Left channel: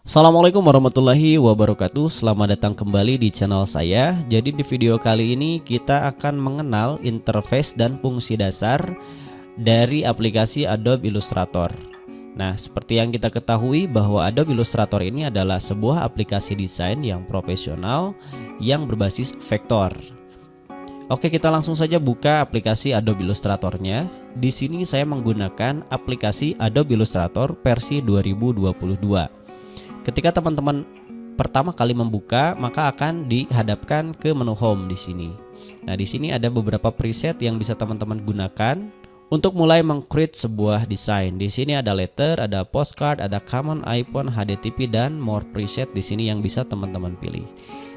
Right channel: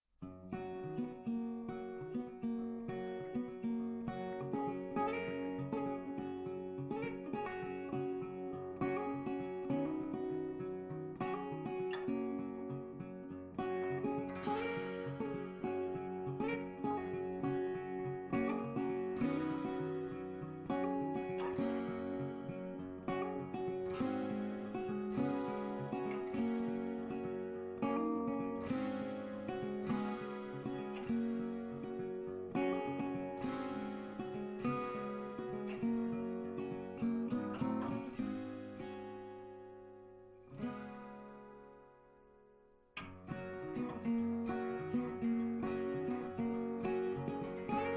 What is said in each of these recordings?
Assalamualaikum warahmatullahi wabarakatuh. Selamat datang kembali di channel saya. Jadi di video kali ini kita akan mengenal interface dan fungsi dasar dari aplikasi Adobe Illustrator. Nah, seperti yang kita ketahui bahwa Adobe Illustrator ini adalah sebuah aplikasi desain yang profesional yang berbasis vektor. Oke, kita langsung saja buka aplikasi Adobe Illustratornya. Di sini saya menggunakan aplikasi Adobe Illustrator versi 2022. Ketika teman-teman pertama kali membuka, maka akan dihadapkan ke menu home di sini. Nah, di sini ada beberapa preset yang bisa teman-teman gunakan untuk mulai meng-create sebuah desain. Di sini ada letter, ada postcard, ada common icon, HDTP dan more preset di sini yang bisa teman-teman pilih.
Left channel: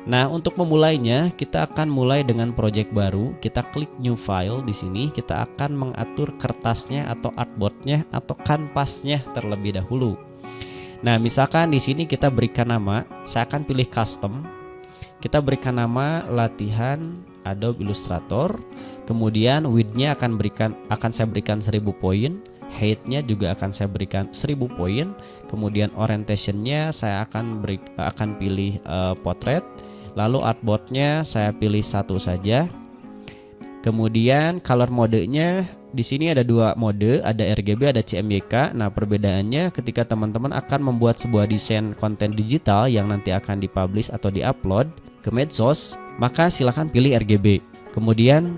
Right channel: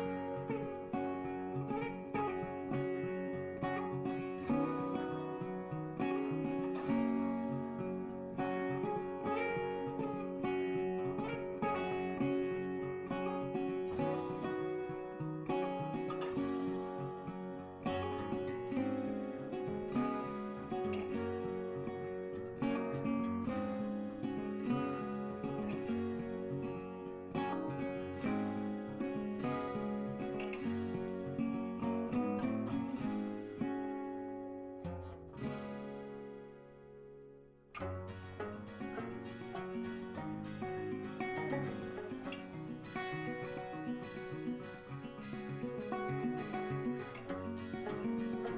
Nah, untuk memulainya, kita akan mulai dengan project baru. Kita klik new file di sini. Kita akan mengatur kertasnya atau artboardnya atau kanvasnya terlebih dahulu. Nah, misalkan di sini kita berikan nama, saya akan pilih custom. Kita berikan nama latihan Adobe Illustrator. Kemudian width-nya akan saya berikan 1000 poin, height-nya juga akan saya berikan 1000 poin. Kemudian orientation-nya saya akan pilih portrait. Lalu artboard-nya saya pilih satu saja. Kemudian color modenya di sini ada dua mode, ada RGB, ada CMYK. Nah, perbedaannya ketika teman-teman akan membuat sebuah desain konten digital yang nanti akan dipublish atau diupload ke medsos, maka silahkan pilih RGB. Kemudian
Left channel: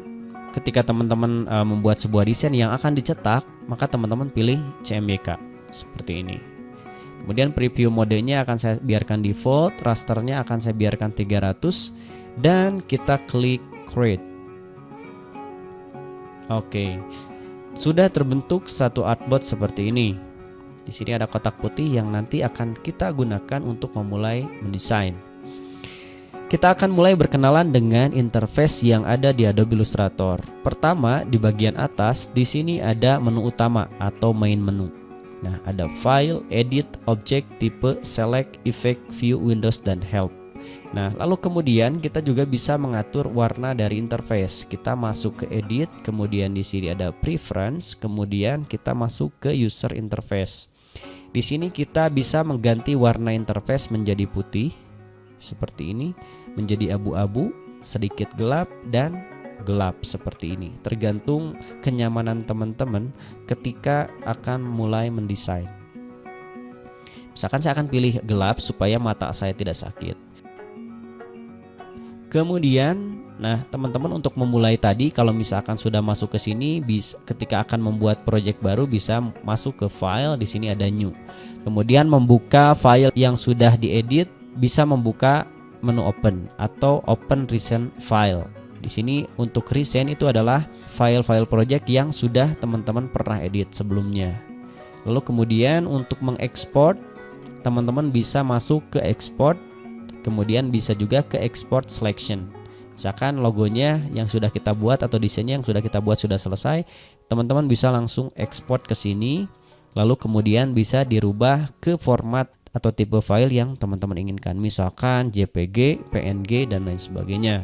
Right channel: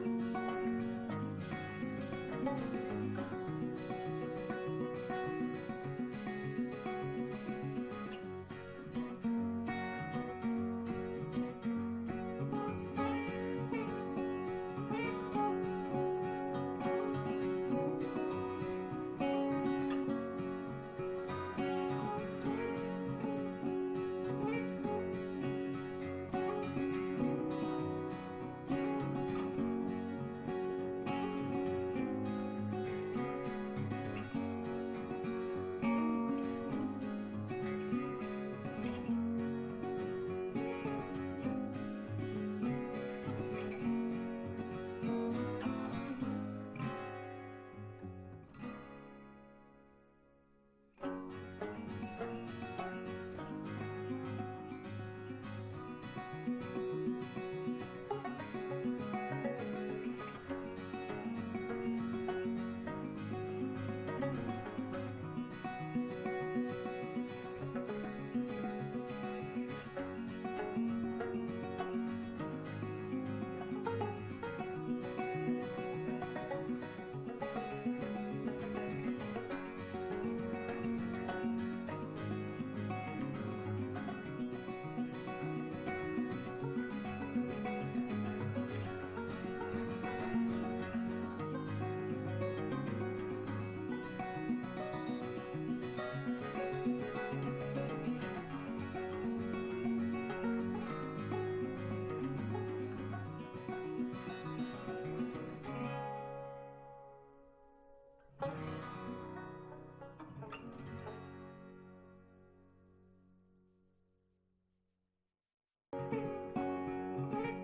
ketika teman-teman membuat sebuah desain yang akan dicetak, maka teman-teman pilih CMYK seperti ini. Kemudian preview modenya akan saya biarkan default, rasternya akan saya biarkan 300 dan kita klik create. Oke, sudah terbentuk satu artboard seperti ini. Di sini ada kotak putih yang nanti akan kita gunakan untuk memulai mendesain. Kita akan mulai berkenalan dengan interface yang ada di Adobe Illustrator. Pertama, di bagian atas, di sini ada menu utama atau main menu. Nah, ada File, Edit, Object, Type, Select, Effect, View, Windows, dan Help. Nah, lalu kemudian kita juga bisa mengatur warna dari interface. Kita masuk ke edit, kemudian di sini ada preference, kemudian kita masuk ke user interface. Di sini kita bisa mengganti warna interface menjadi putih seperti ini, menjadi abu-abu, sedikit gelap dan gelap seperti ini. Tergantung kenyamanan teman-teman ketika akan mulai mendesain. Misalkan saya akan pilih gelap supaya mata saya tidak sakit. Kemudian, nah teman-teman untuk memulai tadi, kalau misalkan sudah masuk ke sini, ketika akan membuat project baru bisa masuk ke file, di sini ada new. Kemudian membuka file yang sudah diedit, bisa membuka menu open atau open recent file. Di sini untuk recent itu adalah file-file project yang sudah teman-teman pernah edit sebelumnya. Lalu kemudian untuk mengekspor, teman-teman bisa masuk ke export. Kemudian bisa juga ke export selection. Misalkan logonya yang sudah kita buat atau desainnya yang sudah kita buat sudah selesai, teman-teman bisa langsung ekspor ke sini. Lalu kemudian bisa dirubah ke format atau tipe file yang teman-teman inginkan. Misalkan JPG, PNG dan lain sebagainya.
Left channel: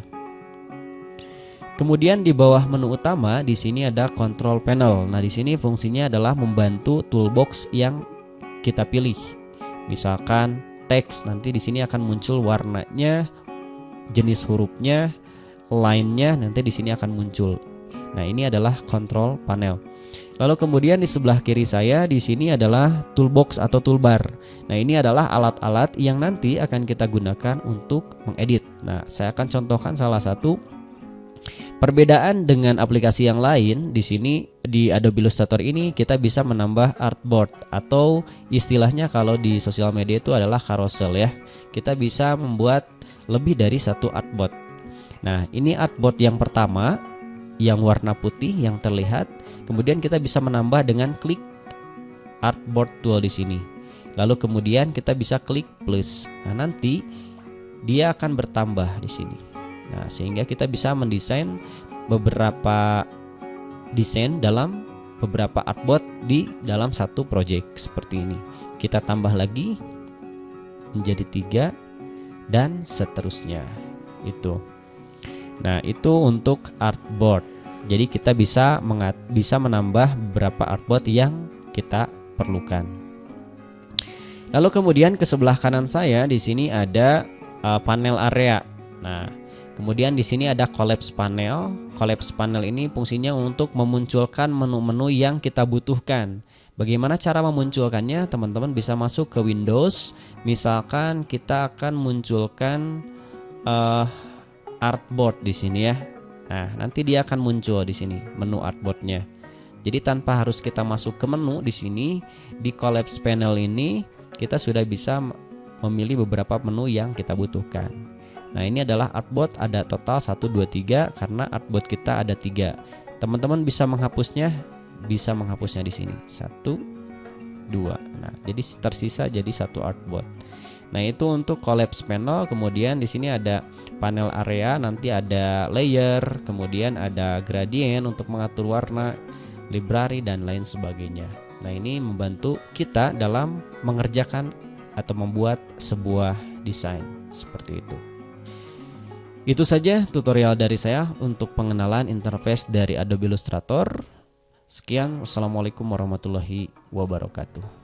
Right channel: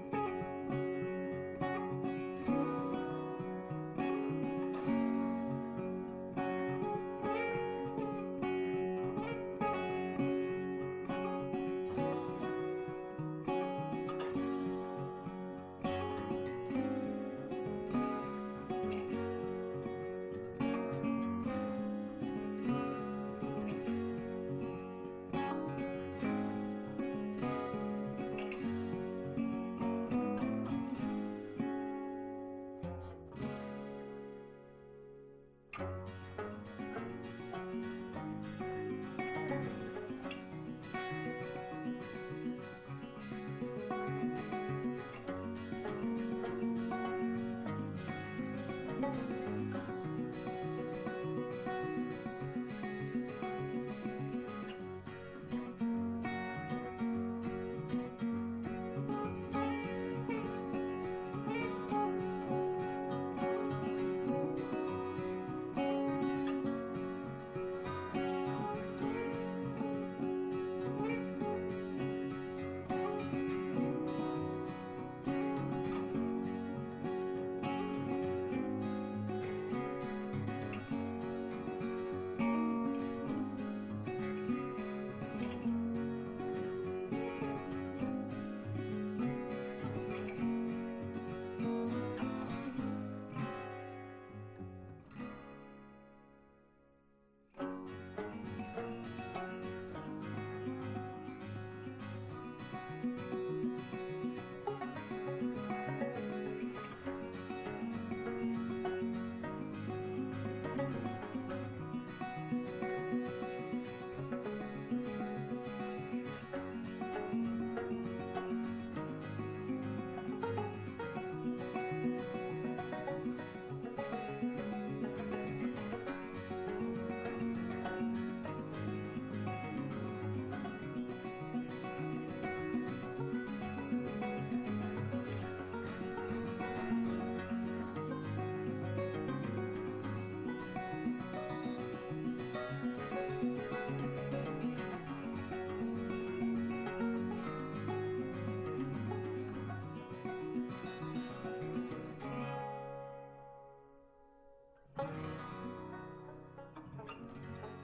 Kemudian di bawah menu utama di sini ada control panel. Nah, di sini fungsinya adalah membantu toolbox yang kita pilih. Misalkan teks, nanti di sini akan muncul warnanya, jenis hurufnya, line-nya nanti di sini akan muncul. Nah, ini adalah control panel. Lalu kemudian di sebelah kiri saya di sini adalah toolbox atau toolbar. Nah, ini adalah alat-alat yang nanti akan kita gunakan untuk mengedit. Nah, saya akan contohkan salah satu. Perbedaan dengan aplikasi yang lain, di sini di Adobe Illustrator ini kita bisa menambah artboard atau istilahnya kalau di sosial media itu adalah carousel ya. Kita bisa membuat lebih dari satu artboard. Nah, ini artboard yang pertama yang warna putih yang terlihat. Kemudian kita bisa menambah dengan klik artboard tool di sini. Lalu kemudian kita bisa klik plus. Nah, nanti dia akan bertambah di sini. Nah, sehingga kita bisa mendesain beberapa desain dalam beberapa artboard di dalam satu project seperti ini. Kita tambah lagi menjadi 3 dan seterusnya. Itu. Nah, itu untuk artboard. Jadi kita bisa menambah beberapa artboard yang kita perlukan. Lalu kemudian ke sebelah kanan saya di sini ada panel area. Nah, kemudian di sini ada collapse panel. Collapse panel ini fungsinya untuk memunculkan menu-menu yang kita butuhkan. Bagaimana cara memunculkannya? Teman-teman bisa masuk ke Windows. Misalkan kita akan munculkan artboard di sini ya. Nah, nanti dia akan muncul di sini menu artboardnya. Jadi tanpa harus kita masuk ke menu di sini, di collapse panel ini kita sudah bisa memilih beberapa menu yang kita butuhkan. Nah, ini adalah artboard, ada total 1, 2, 3 karena artboard kita ada 3. Teman-teman bisa menghapusnya di sini. 1, 2. Nah, jadi tersisa jadi 1 artboard. Nah, itu untuk collapse panel. Kemudian di sini ada panel area, nanti ada layer, kemudian ada gradient untuk mengatur warna, library dan lain sebagainya. Nah, ini membantu kita dalam mengerjakan atau membuat sebuah desain seperti itu. Itu saja tutorial dari saya untuk pengenalan interface dari Adobe Illustrator. Sekian, wassalamualaikum warahmatullahi wabarakatuh.